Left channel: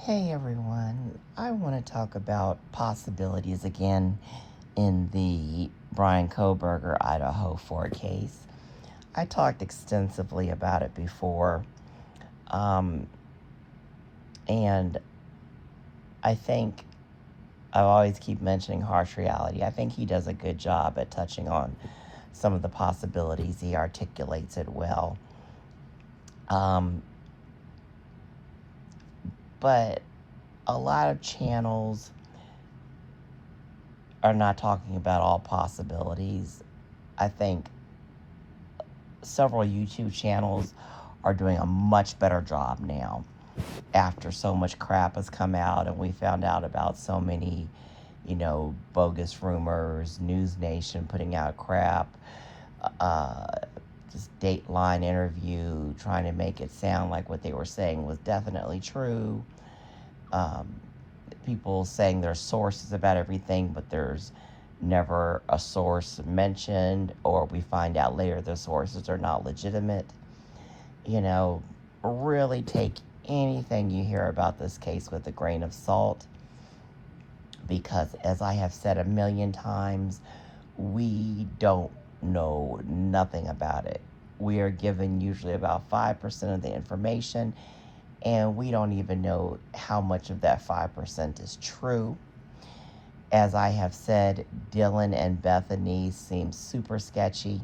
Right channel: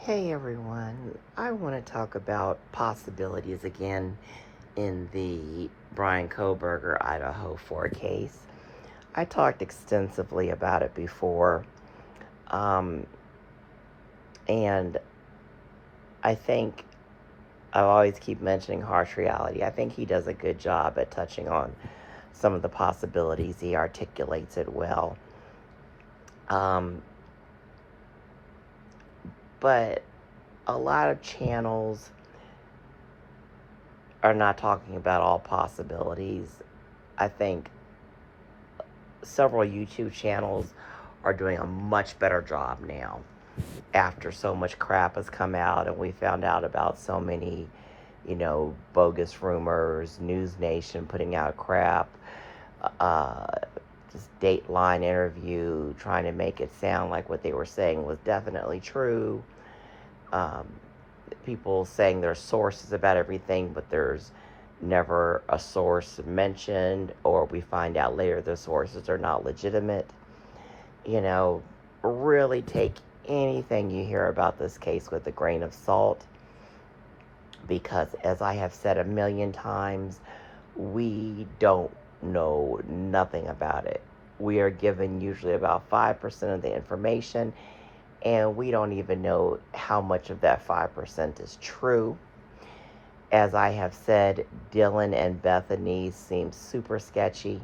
Hey everyone, I want to talk about possibilities again in the Bryan Kohberger Idaho 4 case. I talked extensively about it before, um, and I think I always keep mentioning harsh reality. I think he does a good job at touching on some of the possibilities. He articulates it well. Um, but a lot of channels are not talking about all possibilities. I think several YouTube channels are doing a much better job now after so much crap has come out and we found out about so many, bogus rumors, News Nation putting out crap, uh, this Dateline interview trying to make it sound like what they were saying was definitely true. Um, People saying there's sources about everything, but there's never a source mentioned, or we find out later the sources are not legitimate. You know, really take anything you hear about this case with a grain of salt because, as I have said a million times, we don't know nothing about it. We are given usually about 5% of the information, and we don't even know how much of that 5% is true. As I have said, Dylan and Bethany seem super sketchy.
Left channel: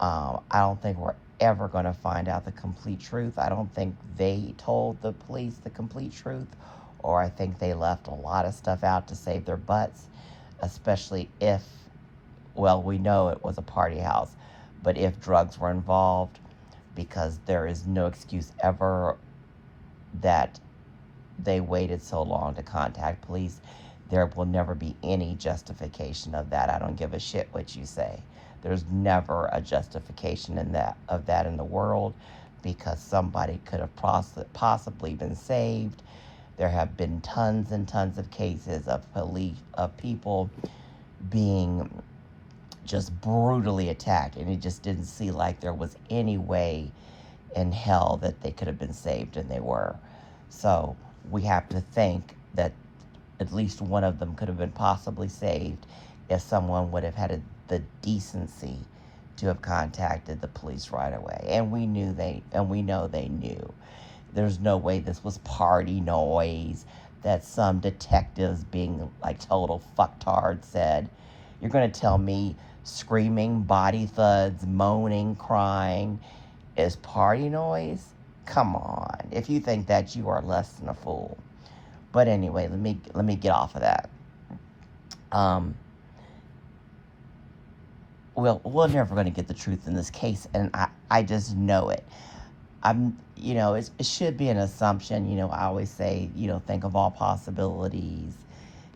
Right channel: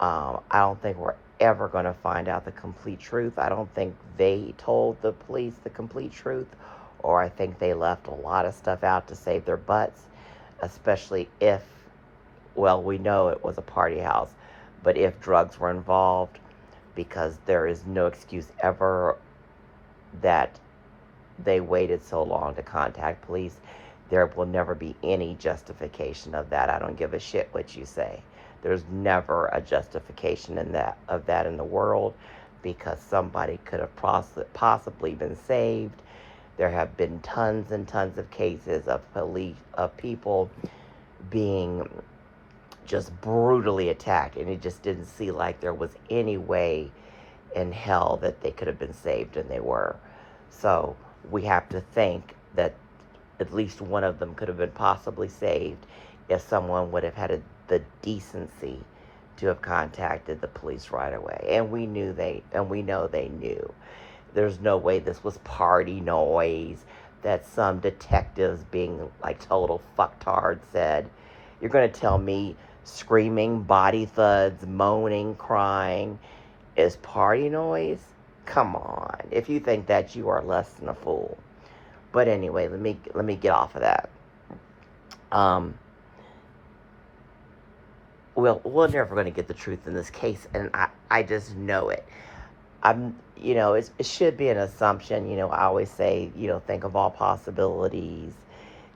I don't think we're ever going to find out the complete truth. I don't think they told the police the complete truth, or I think they left a lot of stuff out to save their butts, especially if, well, we know it was a party house, but if drugs were involved, because there is no excuse ever that they waited so long to contact police. There will never be any justification of that. I don't give a shit what you say. There's never a justification in that in the world because somebody could have possibly been saved. There have been tons and tons of cases of people being just brutally attacked, and it just didn't seem like there was any way in hell that they could have been saved, and they were. So we have to think that at least one of them could have been possibly saved if someone would have had the decency to have contacted the police right away. And we know they knew. There's no way this was party noise that some detectives being like total fucktards said. You're going to tell me screaming, body thuds, moaning, crying is party noise? Come on. If you think that, you are less than a fool. But anyway, let me get off of that. Um, well, we're never going to get the truth in this case, and I just know it. It should be an assumption. I always say, think of all possibilities.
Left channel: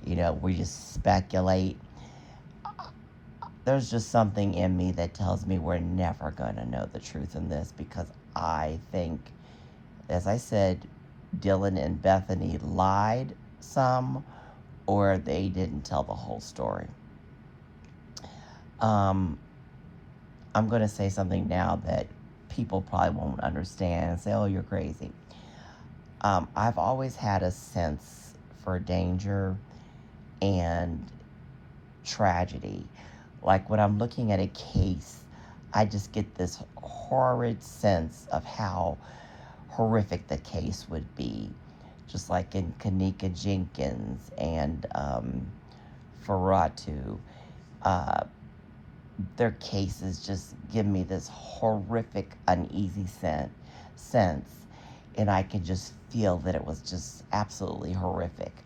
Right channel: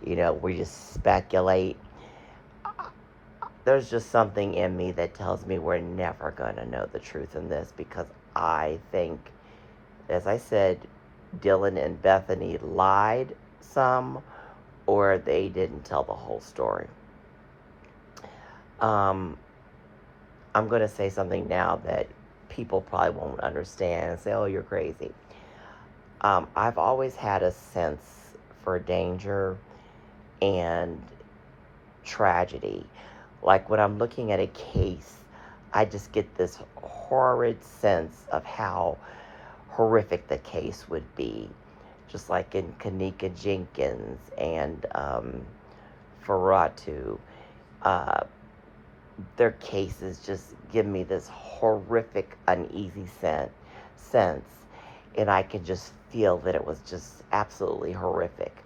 We just speculate. There's just something in me that tells me we're never going to know the truth in this because I think, as I said, Dylan and Bethany lied some or they didn't tell the whole story. Um, I'm going to say something now that people probably won't understand and say, oh, you're crazy. I've always had a sense for danger and tragedy. Like when I'm looking at a case, I just get this horrid sense of how horrific the case would be. Just like in Kanika Jenkins and Ferratu. Uh, their cases just give me this horrific, uneasy sense. And I can just feel that it was just absolutely horrific.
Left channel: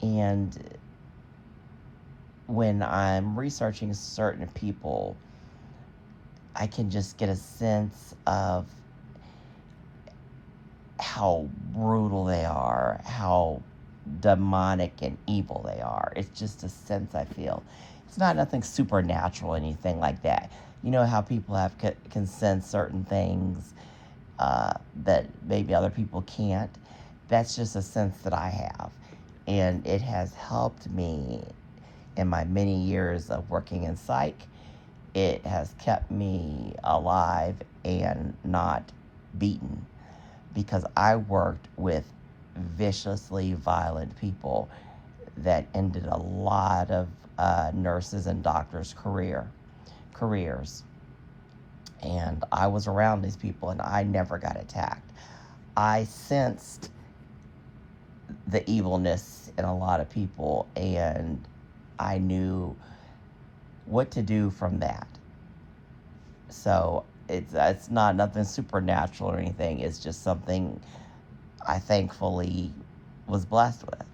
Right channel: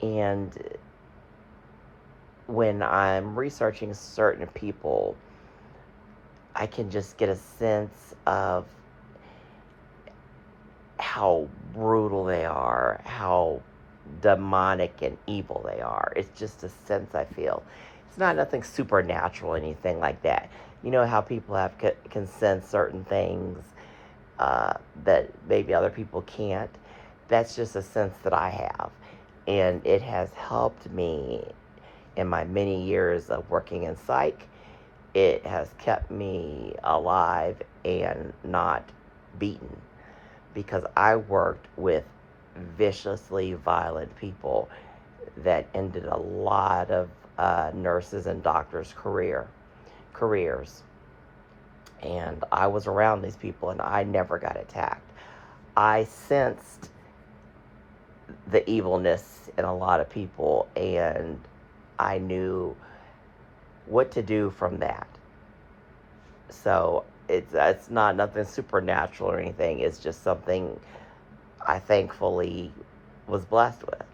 And when I'm researching certain people, I can just get a sense of how brutal they are, how demonic and evil they are. It's just a sense I feel. It's not nothing supernatural, anything like that. You know how people can sense certain things that maybe other people can't. That's just a sense that I have, and it has helped me in my many years of working in psych. It has kept me alive and not beaten because I worked with viciously violent people that ended a lot of nurses and doctors' careers. And I was around these people, and I never got attacked. I sensed the evilness in a lot of people, and I knew what to do from that. So it's not nothing supernatural or anything. It's just something I thankfully was blessed with.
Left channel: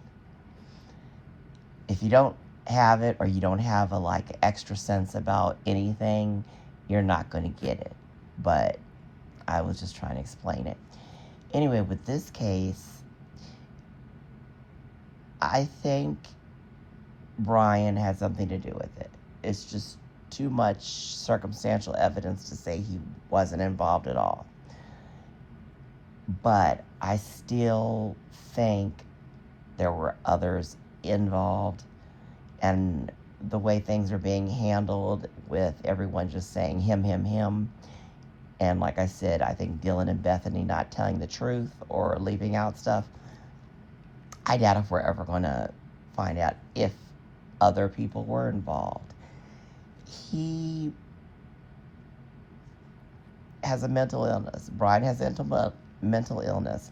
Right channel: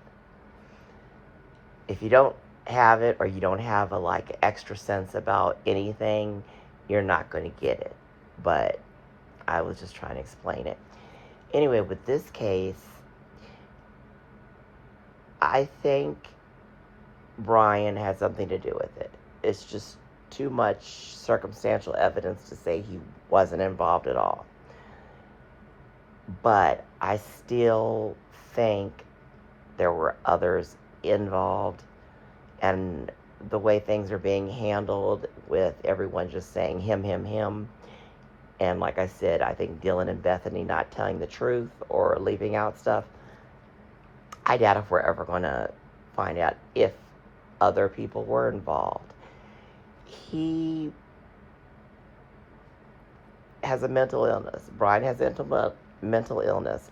If you don't have it, or you don't have a like extra sense about anything, you're not going to get it. But I was just trying to explain it. Anyway, with this case, I think Bryan had something to do with it. It's just too much circumstantial evidence to say he wasn't involved at all. But I still think there were others involved, and the way things are being handled with everyone just saying him, and like I said, I think Dylan and Bethany not telling the truth or leaving out stuff, I doubt if we're ever going to find out if other people were involved. He has a mental illness. Bryan has mental illness.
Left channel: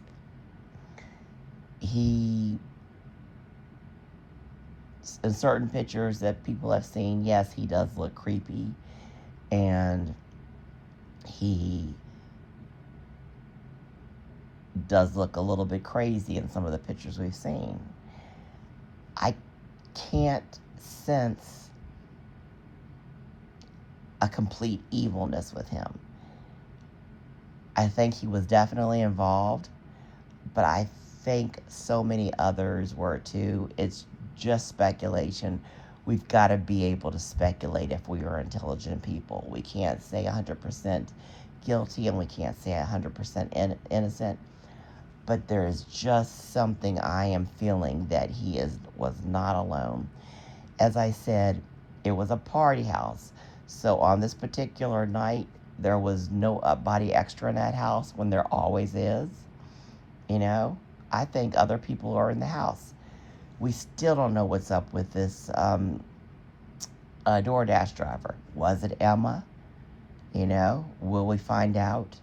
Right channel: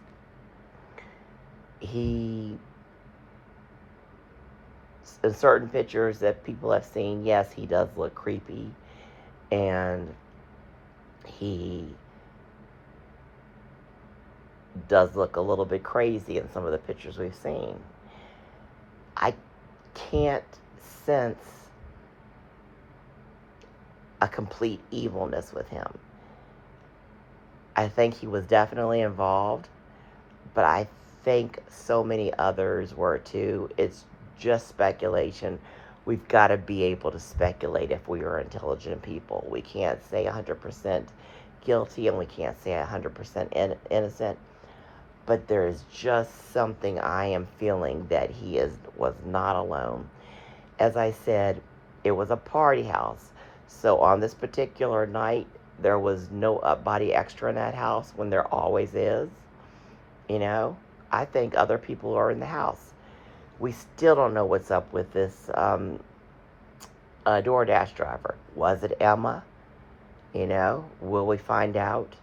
He, in certain pictures that people have seen, yes, he does look creepy, and he does look a little bit crazy in some of the pictures we've seen. I can't sense a complete evilness with him. I think he was definitely involved, but I think so many others were too. It's just speculation. We've got to be able to speculate if we are intelligent people. We can't say 100% guilty, and we can't say 100% innocent. But there is just something I am feeling that was not alone. As I said, it was a party house. So on this particular night, there was no body extra in that house when there always is. You know, I think other people are in the house. We still don't know what's up with this DoorDash driver. Was it Emma? You know, will we find out?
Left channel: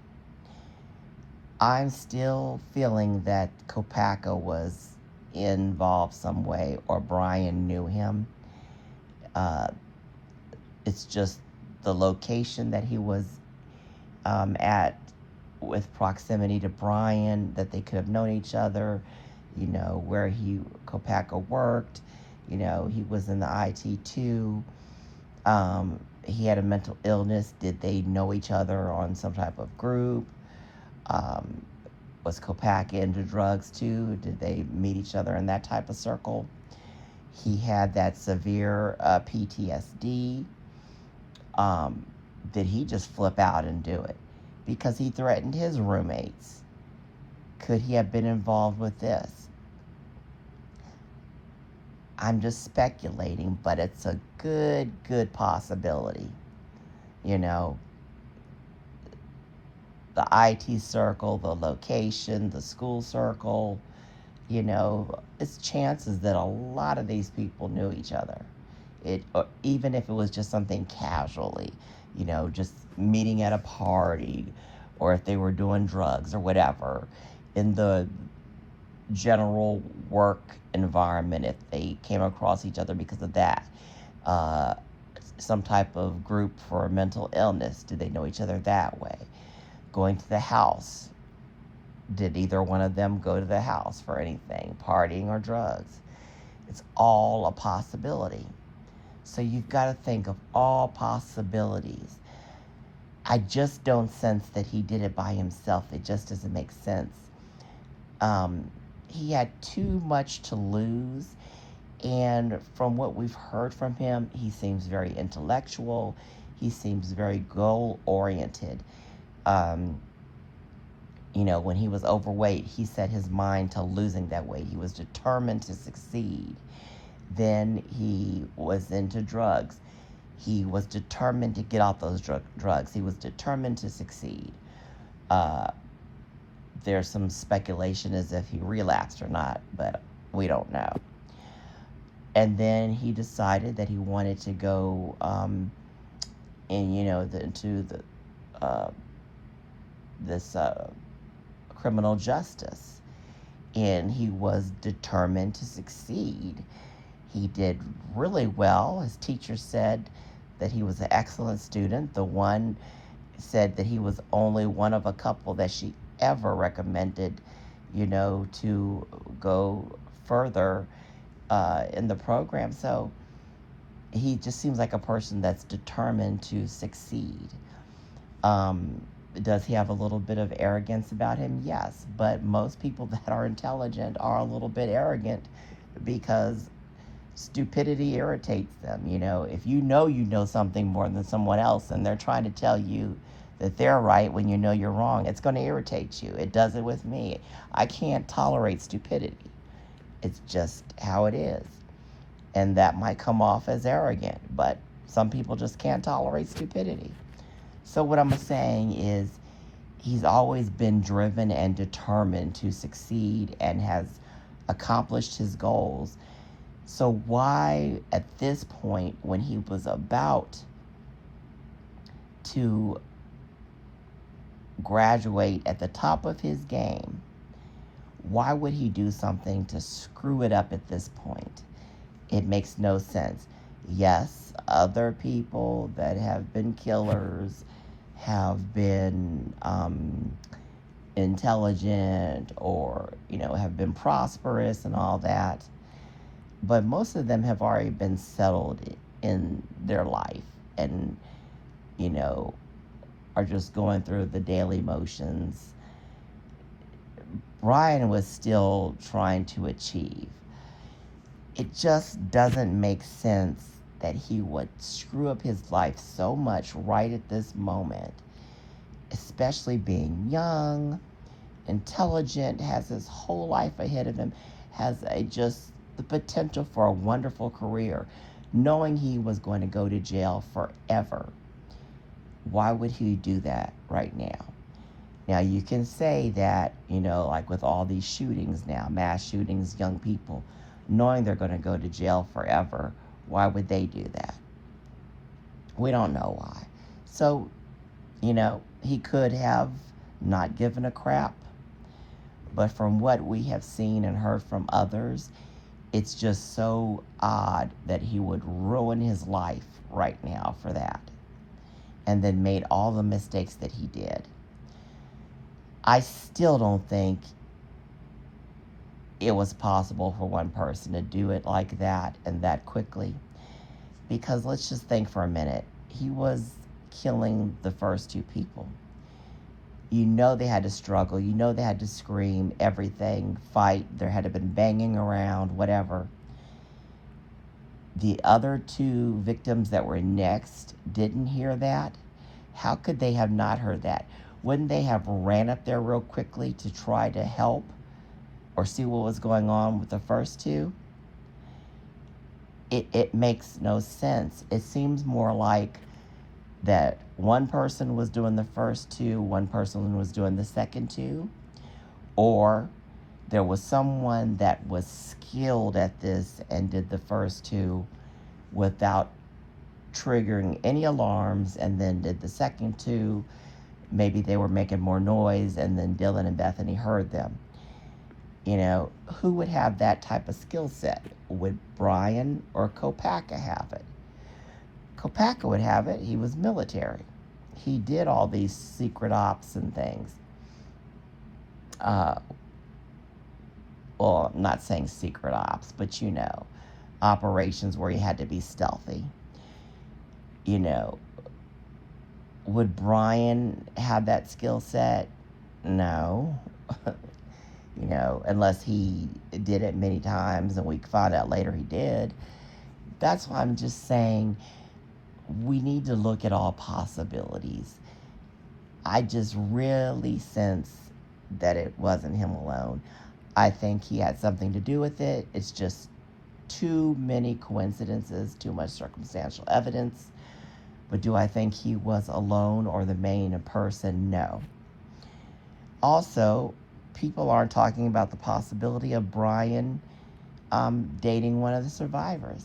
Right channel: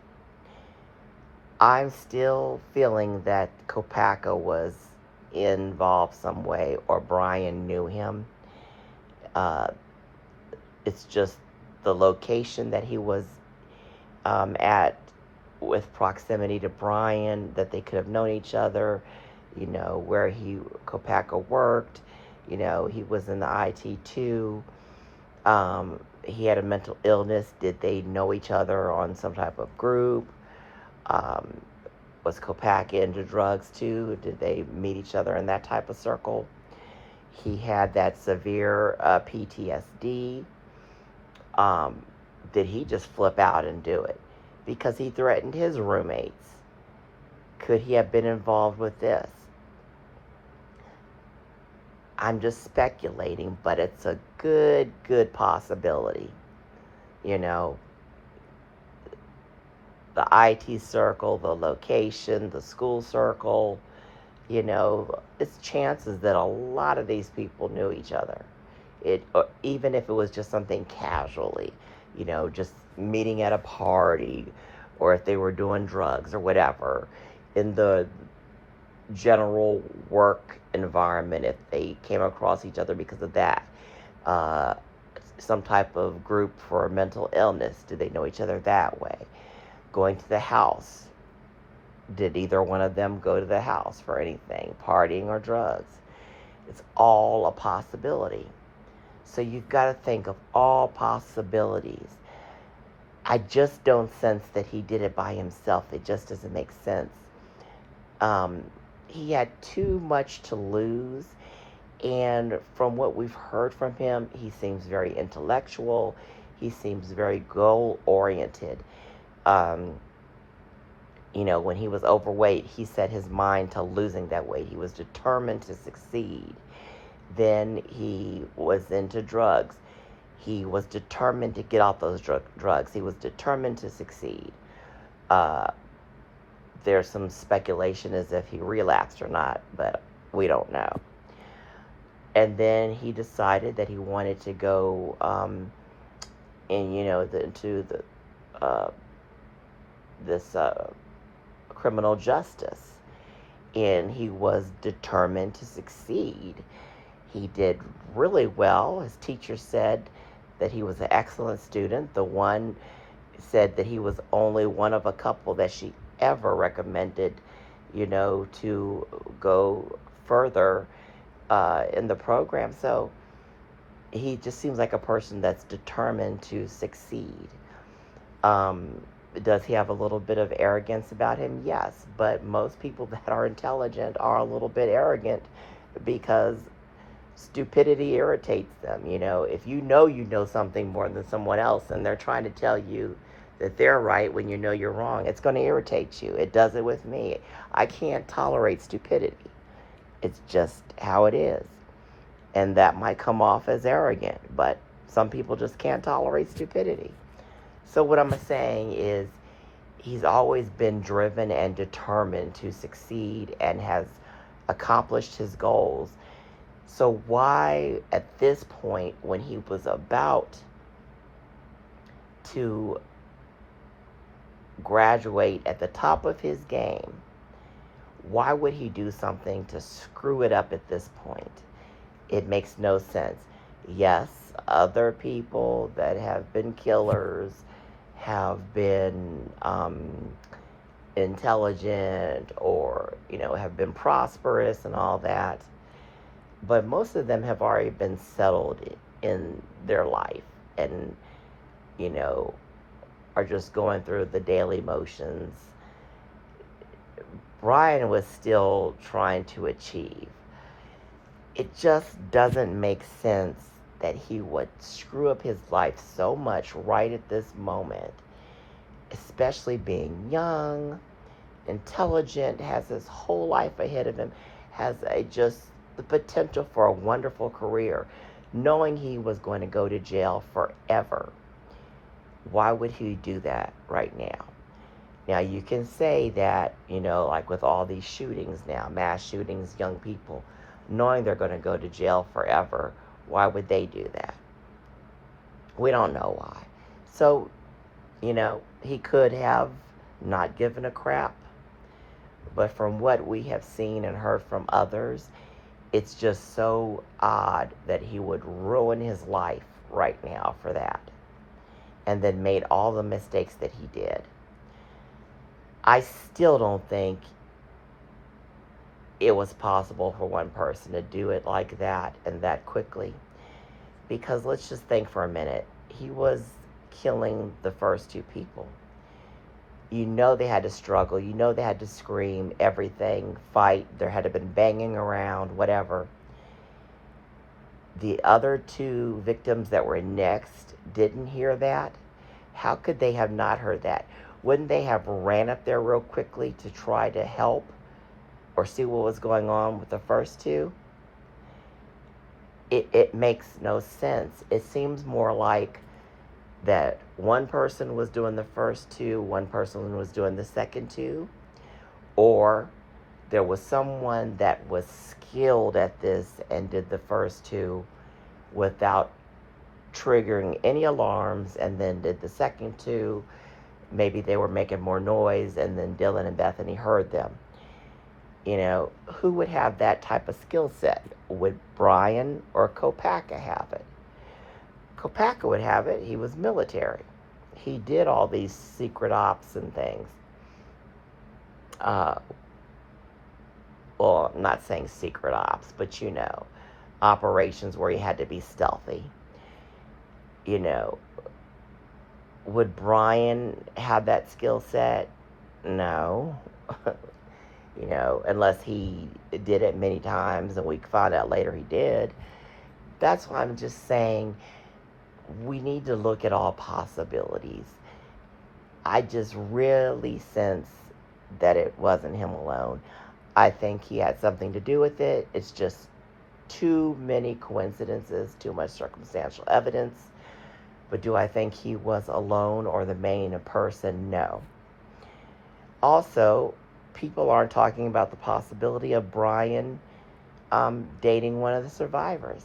I'm still feeling that Kopaka was involved some way, or Bryan knew him. It's just the location that he was at, with proximity to Bryan, that they could have known each other. You know, where Kopaka worked. You know, he was in the IT too. He had a mental illness. Did they know each other on some type of group? Was Kopaka into drugs too? Did they meet each other in that type of circle? He had that severe PTSD. Did he just flip out and do it because he threatened his roommates? Could he have been involved with this? I'm just speculating, but it's a good possibility. You know, the IT circle, the location, the school circle, you know, it's chances that a lot of these people knew each other. Even if it was just something casually, you know, just meeting at a party, or if they were doing drugs or whatever, in the general work environment, if they came across each other because of that. Some type of group for mental illness, did they know each other that way? Going to the house, did either one of them go to the house for anything, partying or drugs? It's all a possibility. So you've got to think of all possibilities. I just don't sense that he did it by himself. It just doesn't make sense. He had too much to lose. And from what we've heard from him, he seems very intellectual. He seems very goal-oriented. You know, when he was overweight, he set his mind to losing that weight. He was determined to succeed. Then he was into drugs. He was determined to get off those drugs. He was determined to succeed. there's some speculation as if he relapsed or not, but we don't know. And then he decided that he wanted to go into the uh, this criminal justice, and he was determined to succeed. He did really well. His teacher said that he was an excellent student. The one said that he was only one of a couple that she ever recommended, to go further in the program. So he just seems like a person that's determined to succeed. Um, does he have a little bit of arrogance about him? Yes, but most people that are intelligent are a little bit arrogant because stupidity irritates them. If you know something more than someone else and they're trying to tell you that they're right when you know you're wrong, it's going to irritate you. It does it with me. I can't tolerate stupidity. It's just how it is. And that might come off as arrogant, but some people just can't tolerate stupidity. So what I'm saying is he's always been driven and determined to succeed and has accomplished his goals. So why, at this point, when he was about to graduate at the top of his game, why would he do something to screw it up at this point? It makes no sense. Yes, other people that have been killers have been intelligent or, have been prosperous and all that. But most of them have already been settled in their life and, are just going through the daily motions. Bryan was still trying to achieve. It just doesn't make sense that he would screw up his life so much right at this moment, especially being young, intelligent, has his whole life ahead of him, has just the potential for a wonderful career, knowing he was going to go to jail forever. Why would he do that right now? Now, you can say that, like with all these shootings now, mass shootings, young people, knowing they're going to go to jail forever, why would they do that? We don't know why. So, he could have not given a crap. But from what we have seen and heard from others, it's just so odd that he would ruin his life right now for that. And then made all the mistakes that he did. I still don't think it was possible for one person to do it like that and that quickly. Because let's just think for a minute. He was killing the first two people. They had to struggle. They had to scream, everything, fight. There had to have been banging around, whatever. The other two victims that were next didn't hear that. How could they have not heard that? Wouldn't they have ran up there real quickly to try to help or see what was going on with the first two? It makes no sense. It seems more like that one person was doing the first two, one person was doing the second two, or there was someone that was skilled at this and did the first two without triggering any alarms and then did the second two. Maybe they were making more noise and then Dylan and Bethany heard them. Who would have that type of skill set? Would Bryan or Kohberger have it? Kohberger would have it. He was military. He did all these secret ops and things. Well, I'm not saying secret ops, but operations where he had to be stealthy. Would Bryan have that skill set? No. Unless he did it many times and we found out later he did. That's why I'm just saying we need to look at all possibilities. I just really sense that it wasn't him alone. I think he had something to do with it. It's just too many coincidences, too much circumstantial evidence. But do I think he was alone or the main person? No. Also, people aren't talking about the possibility of Bryan dating one of the survivors.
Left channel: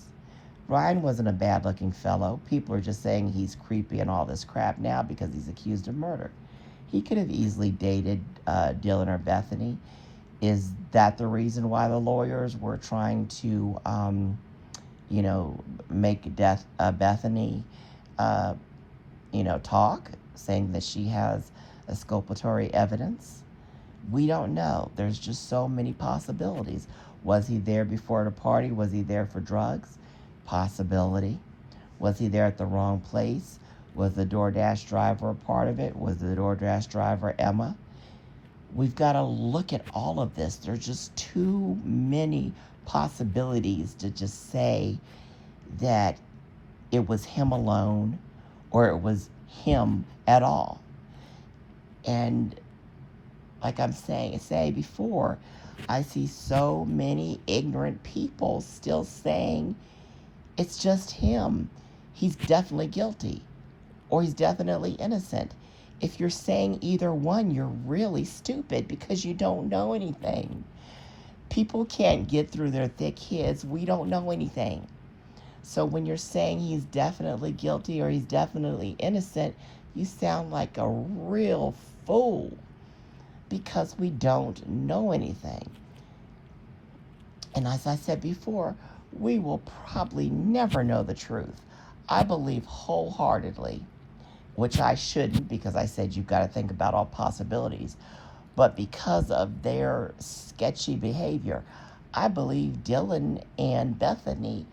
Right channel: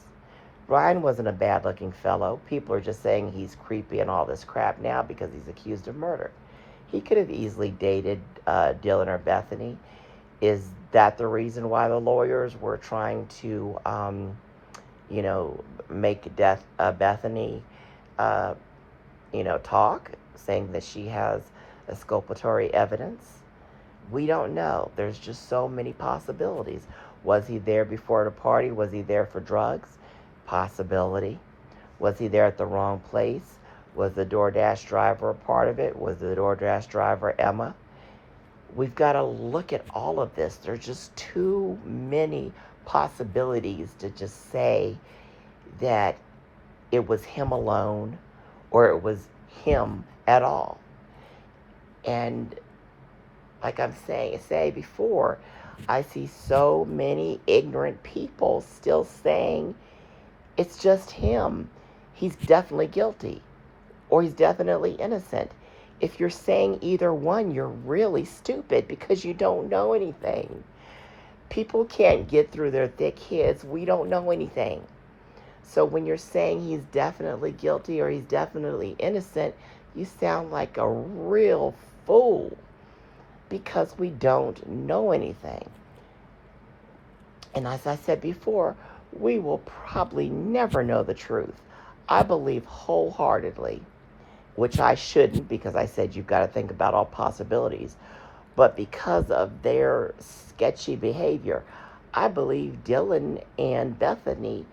Bryan wasn't a bad looking fellow. People are just saying he's creepy and all this crap now because he's accused of murder. He could have easily dated Dylan or Bethany. Is that the reason why the lawyers were trying to, make Bethany, uh, talk, saying that she has exculpatory evidence? We don't know. There's just so many possibilities. Was he there before the party? Was he there for drugs? Possibility. Was he there at the wrong place? Was the DoorDash driver a part of it? Was the DoorDash driver Emma? We've got to look at all of this. There's just too many possibilities to just say that it was him alone or it was him at all. And like I'm saying before, I see so many ignorant people still saying it's just him. He's definitely guilty or he's definitely innocent. If you're saying either one, you're really stupid because you don't know anything. People can't get through their thick heads. We don't know anything. So when you're saying he's definitely guilty or he's definitely innocent, you sound like a real fool because we don't know anything. And as I said before, we will probably never know the truth. I believe wholeheartedly, which I shouldn't because I said you've got to think about all possibilities, but because of their sketchy behavior, I believe Dylan and Bethany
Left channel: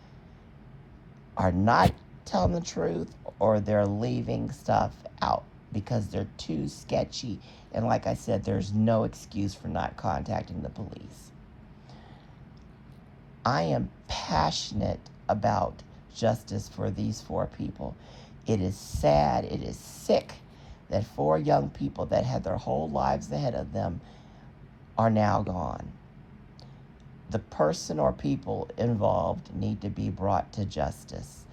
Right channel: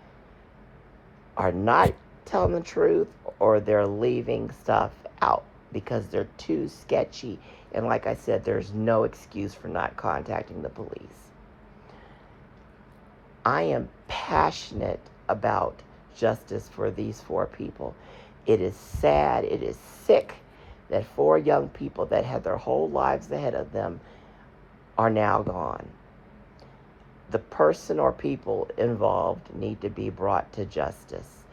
are not telling the truth or they're leaving stuff out because they're too sketchy. And like I said, there's no excuse for not contacting the police. I am passionate about justice for these 4 people. It is sad, it is sick that 4 young people that had their whole lives ahead of them are now gone. The person or people involved need to be brought to justice.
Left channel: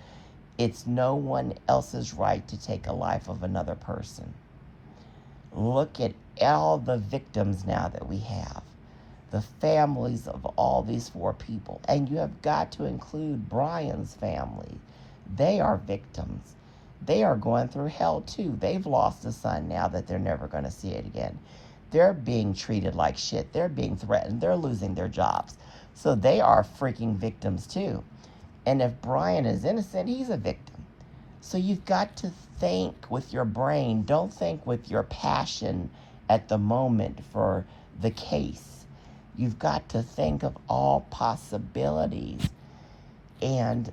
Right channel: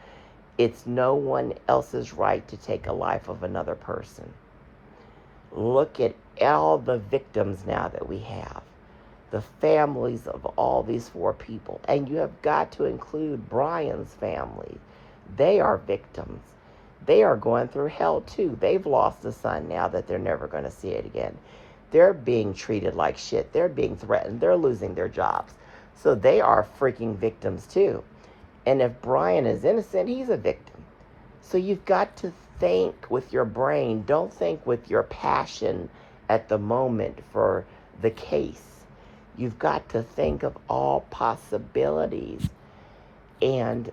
It's no one else's right to take a life of another person. Look at all the victims now that we have. The families of all these 4 people. And you have got to include Bryan's family. They are victims. They are going through hell too. They've lost a son now that they're never going to see it again. They're being treated like shit. They're being threatened. They're losing their jobs. So they are freaking victims too. And if Bryan is innocent, he's a victim. So you've got to think with your brain. Don't think with your passion at the moment for the case. You've got to think of all possibilities. And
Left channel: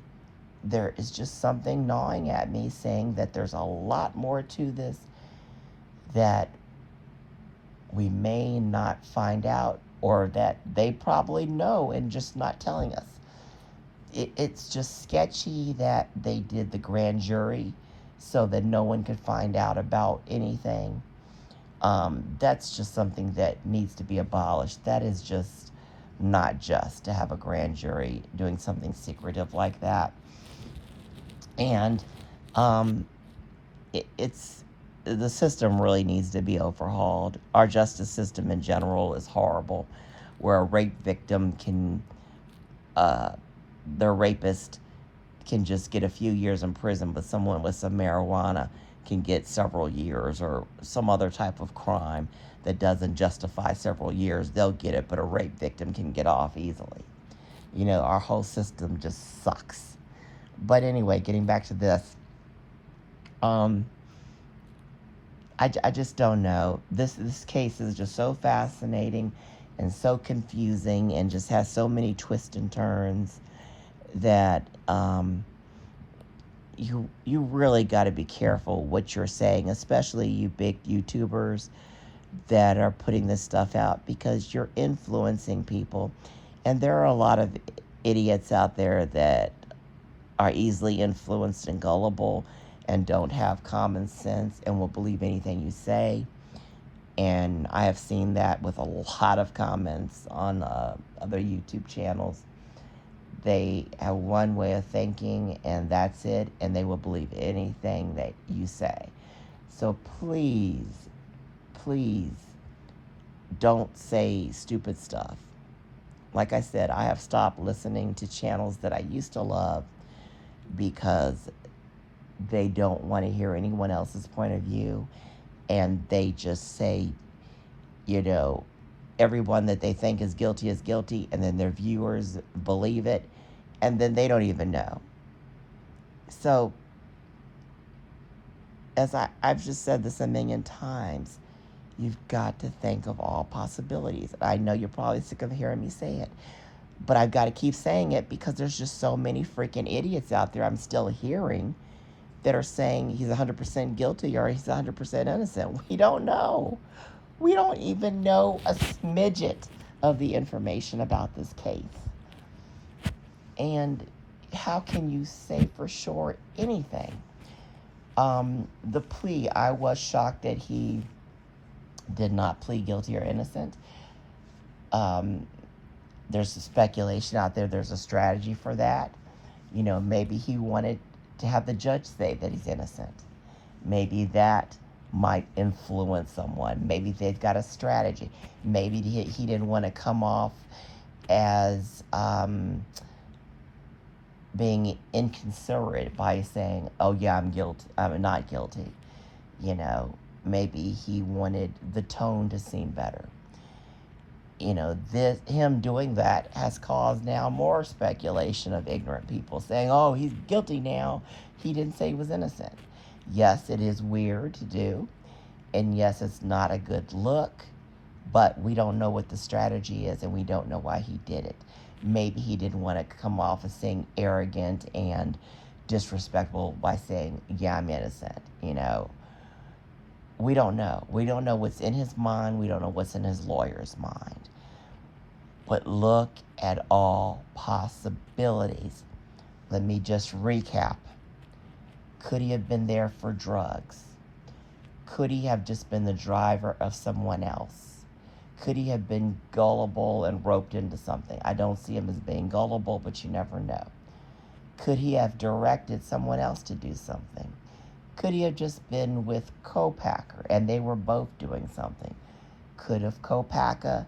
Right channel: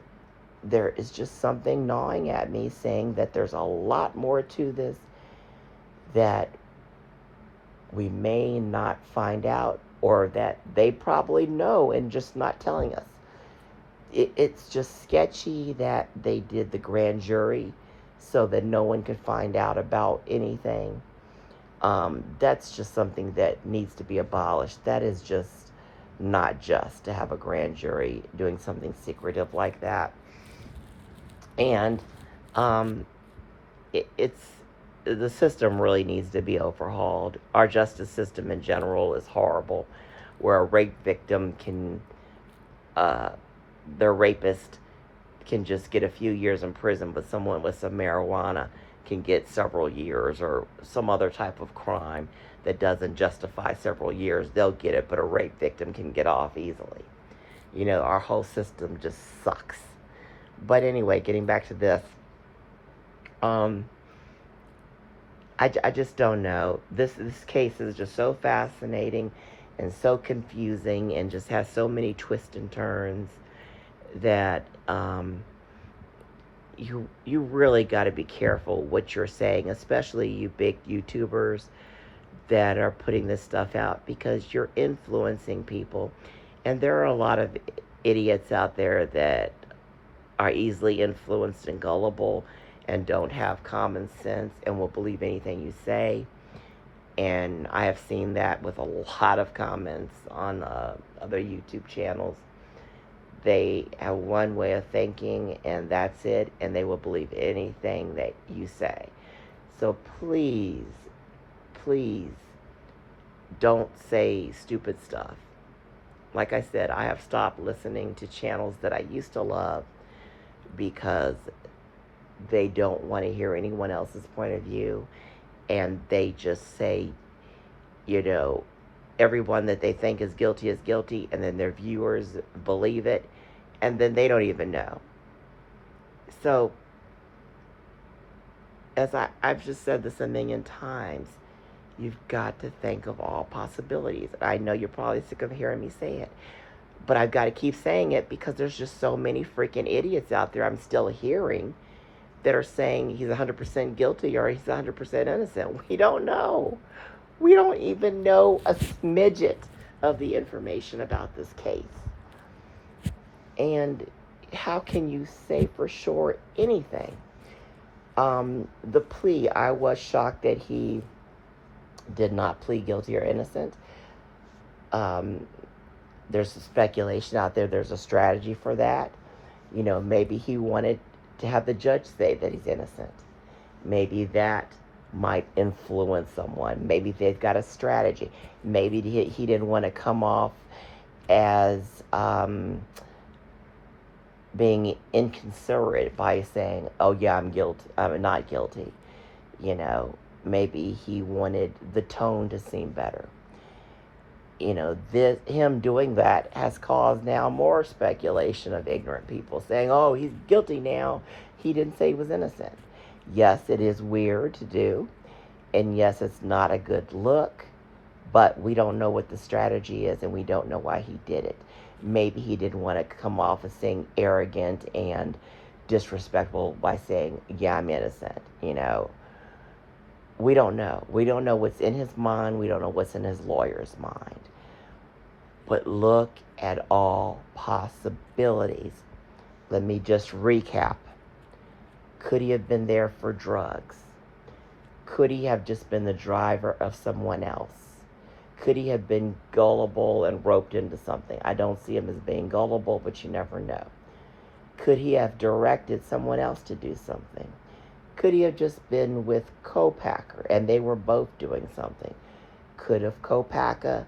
there is just something gnawing at me saying that there's a lot more to this that we may not find out or that they probably know and just not telling us. It's just sketchy that they did the grand jury so that no one could find out about anything. That's just something that needs to be abolished. That is just not just to have a grand jury doing something secretive like that. And it's the system really needs to be overhauled. Our justice system in general is horrible, where a rape victim can, their rapist can just get a few years in prison, but someone with some marijuana can get several years, or some other type of crime that doesn't justify several years, they'll get it, but a rape victim can get off easily. Our whole system just sucks. But anyway, getting back to this, I just don't know. This case is just so fascinating and so confusing and just has so many twists and turns that you really got to be careful what you're saying, especially you big YouTubers that are putting this stuff out, because you're influencing people. And there are a lot of idiots out there that are easily influenced and gullible and don't have common sense and will believe anything you say. And I have seen that with a lot of comments on other YouTube channels. They have one way of thinking and that's it, and they will believe anything that you say. So please don't say stupid stuff. Like I said, I have stopped listening to channels that I used to love because they don't want to hear anyone else's point of view, and they just say, you know, everyone that they think is guilty, and then their viewers believe it, and then they don't even know. So, I've just said this a million times, you've got to think of all possibilities. I know you're probably sick of hearing me say it, but I've got to keep saying it because there's just so many freaking idiots out there I'm still hearing that are saying he's 100% guilty or he's 100% innocent. We don't know. We don't even know a smidget of the information about this case. And how can you say for sure anything? The plea, I was shocked that he did not plead guilty or innocent. There's speculation out there. There's a strategy for that. You know, maybe he wanted to have the judge say that he's innocent. Maybe that might influence someone. Maybe they've got a strategy. Maybe he didn't want to come off as being inconsiderate by saying, oh yeah, I'm not guilty. You know, maybe he wanted the tone to seem better. You know, him doing that has caused now more speculation of ignorant people saying, oh, he's guilty now. He didn't say he was innocent. Yes, it is weird to do. And yes, it's not a good look. But we don't know what the strategy is, and we don't know why he did it. Maybe he didn't want to come off as saying arrogant and disrespectful by saying, yeah, I'm innocent. You know, we don't know. We don't know what's in his mind. We don't know what's in his lawyer's mind. But look at all possibilities. Let me just recap. Could he have been there for drugs? Could he have just been the driver of someone else? Could he have been gullible and roped into something? I don't see him as being gullible, but you never know. Could he have directed someone else to do something? Could he have just been with Kohberger and they were both doing something? Could have Kohberger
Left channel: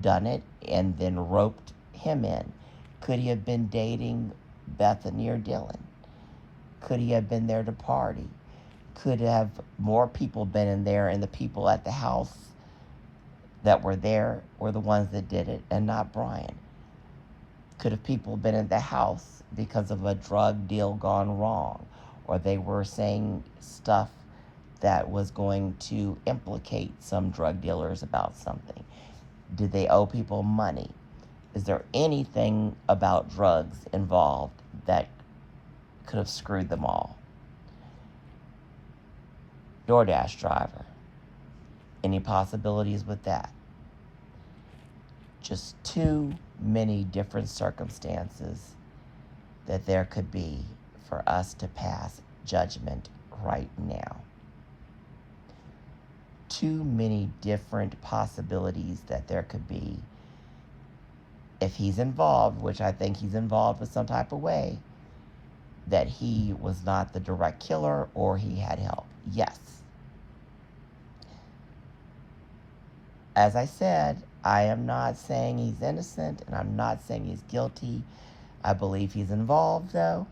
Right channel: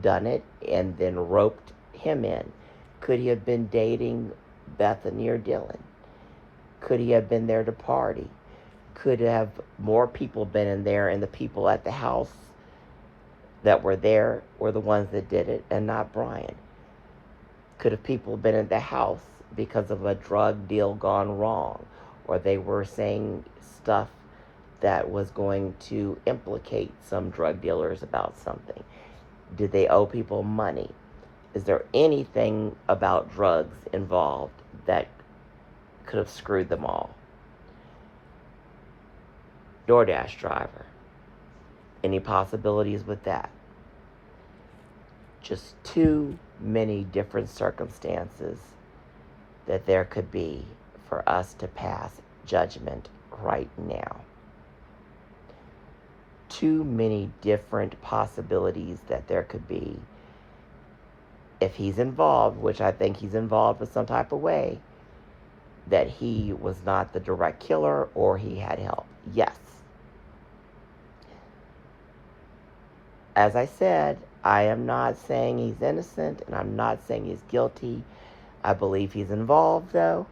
done it and then roped him in? Could he have been dating Bethany or Dylan? Could he have been there to party? Could have more people been in there, and the people at the house that were there were the ones that did it and not Bryan? Could have people been in the house because of a drug deal gone wrong, or they were saying stuff that was going to implicate some drug dealers about something? Did they owe people money? Is there anything about drugs involved that could have screwed them all? DoorDash driver. Any possibilities with that? Just too many different circumstances that there could be for us to pass judgment right now. Too many different possibilities that there could be if he's involved, which I think he's involved in some type of way, that he was not the direct killer or he had help. Yes. As I said, I am not saying he's innocent, and I'm not saying he's guilty. I believe he's involved, though,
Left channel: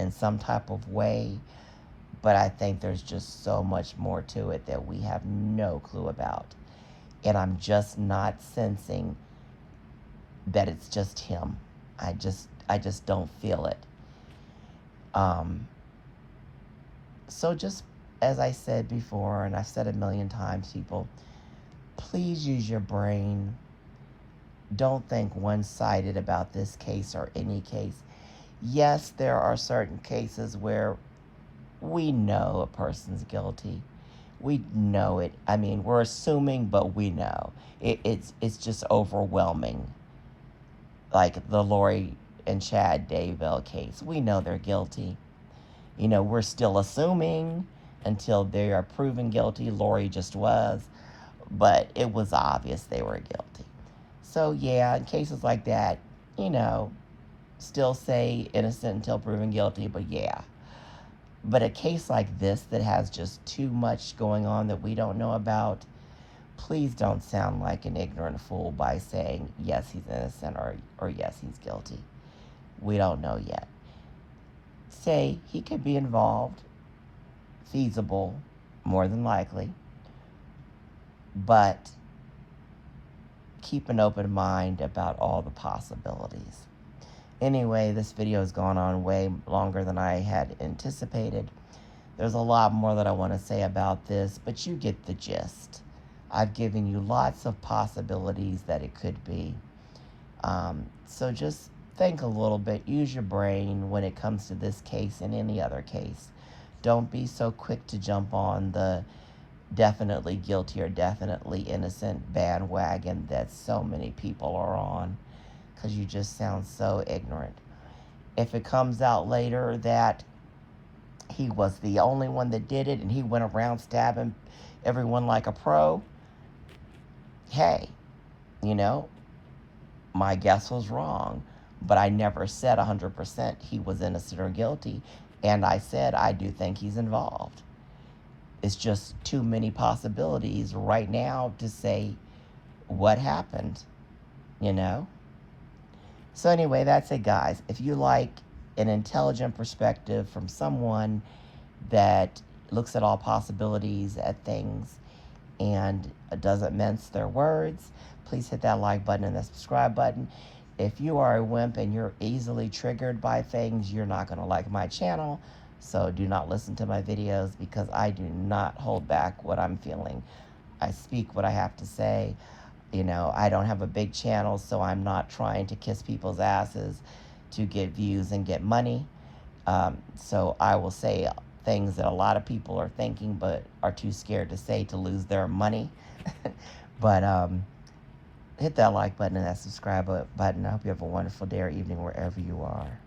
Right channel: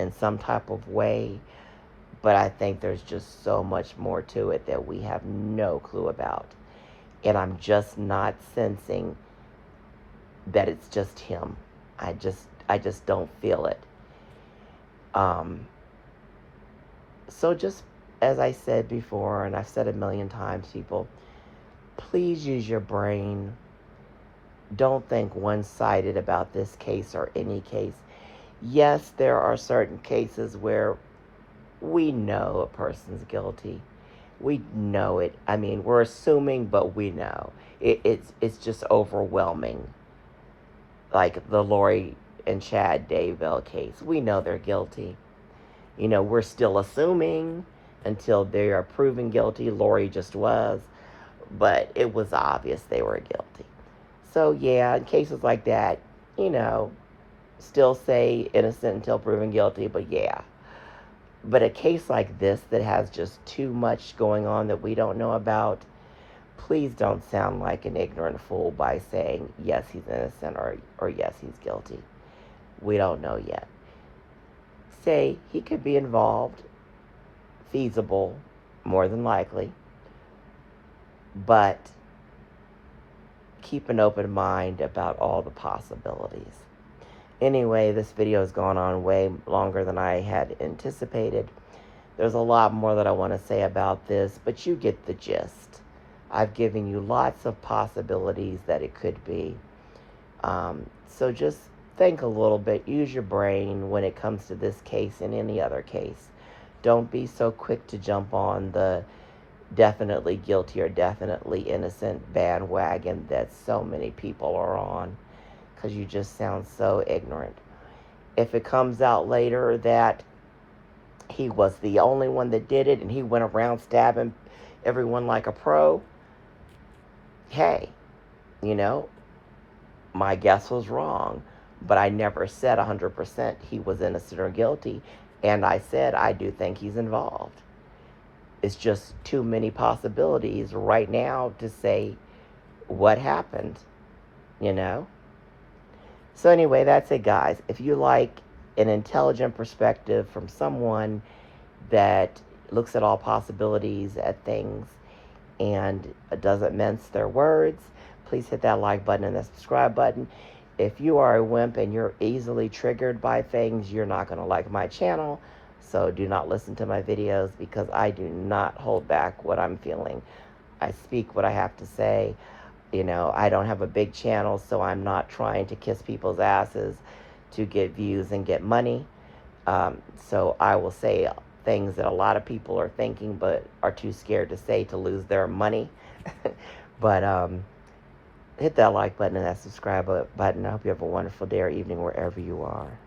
in some type of way. But I think there's just so much more to it that we have no clue about. And I'm just not sensing that it's just him. I just don't feel it. So just as I said before, and I've said a million times, people, please use your brain. Don't think one-sided about this case or any case. Yes, there are certain cases where we know a person's guilty. We know it. I mean, we're assuming, but we know. It's just overwhelming. Like the Lori and Chad Daybell case. We know they're guilty. You know, we're still assuming until they are proven guilty. Lori just was. But it was obvious they were guilty. So, yeah, in cases like that, you know, still say innocent until proven guilty, but yeah. But a case like this that has just too much going on that we don't know about, please don't sound like an ignorant fool by saying, yes, he's innocent or yes, he's guilty. We don't know yet. Say he could be involved, feasible, more than likely, but keep an open mind about all the possibilities. Anyway, this video has gone on way longer than I had anticipated. There's a lot more that I want to say about this, but you get the gist. I've given you lots of possibilities that it could be. So just think a little bit. Use your brain when it comes to this case and any other case. Don't be so quick to jump on the definitely guilty or definitely innocent bandwagon that so many people are on, because you just sound so ignorant. If it comes out later that he was the only one that did it and he went around stabbing everyone like a pro, hey, you know, my guess was wrong, but I never said 100% he was innocent or guilty, and I said I do think he's involved. It's just too many possibilities right now to say what happened, you know? So anyway, that's it, guys. If you like an intelligent perspective from someone that looks at all possibilities at things and doesn't mince their words, please hit that like button and the subscribe button. If you are a wimp and you're easily triggered by things, you're not going to like my channel. So do not listen to my videos, because I do not hold back what I'm feeling. I speak what I have to say. You know, I don't have a big channel, so I'm not trying to kiss people's asses to get views and get money. So I will say things that a lot of people are thinking but are too scared to say to lose their money. But hit that like button and that subscribe button. I hope you have a wonderful day or evening wherever you are.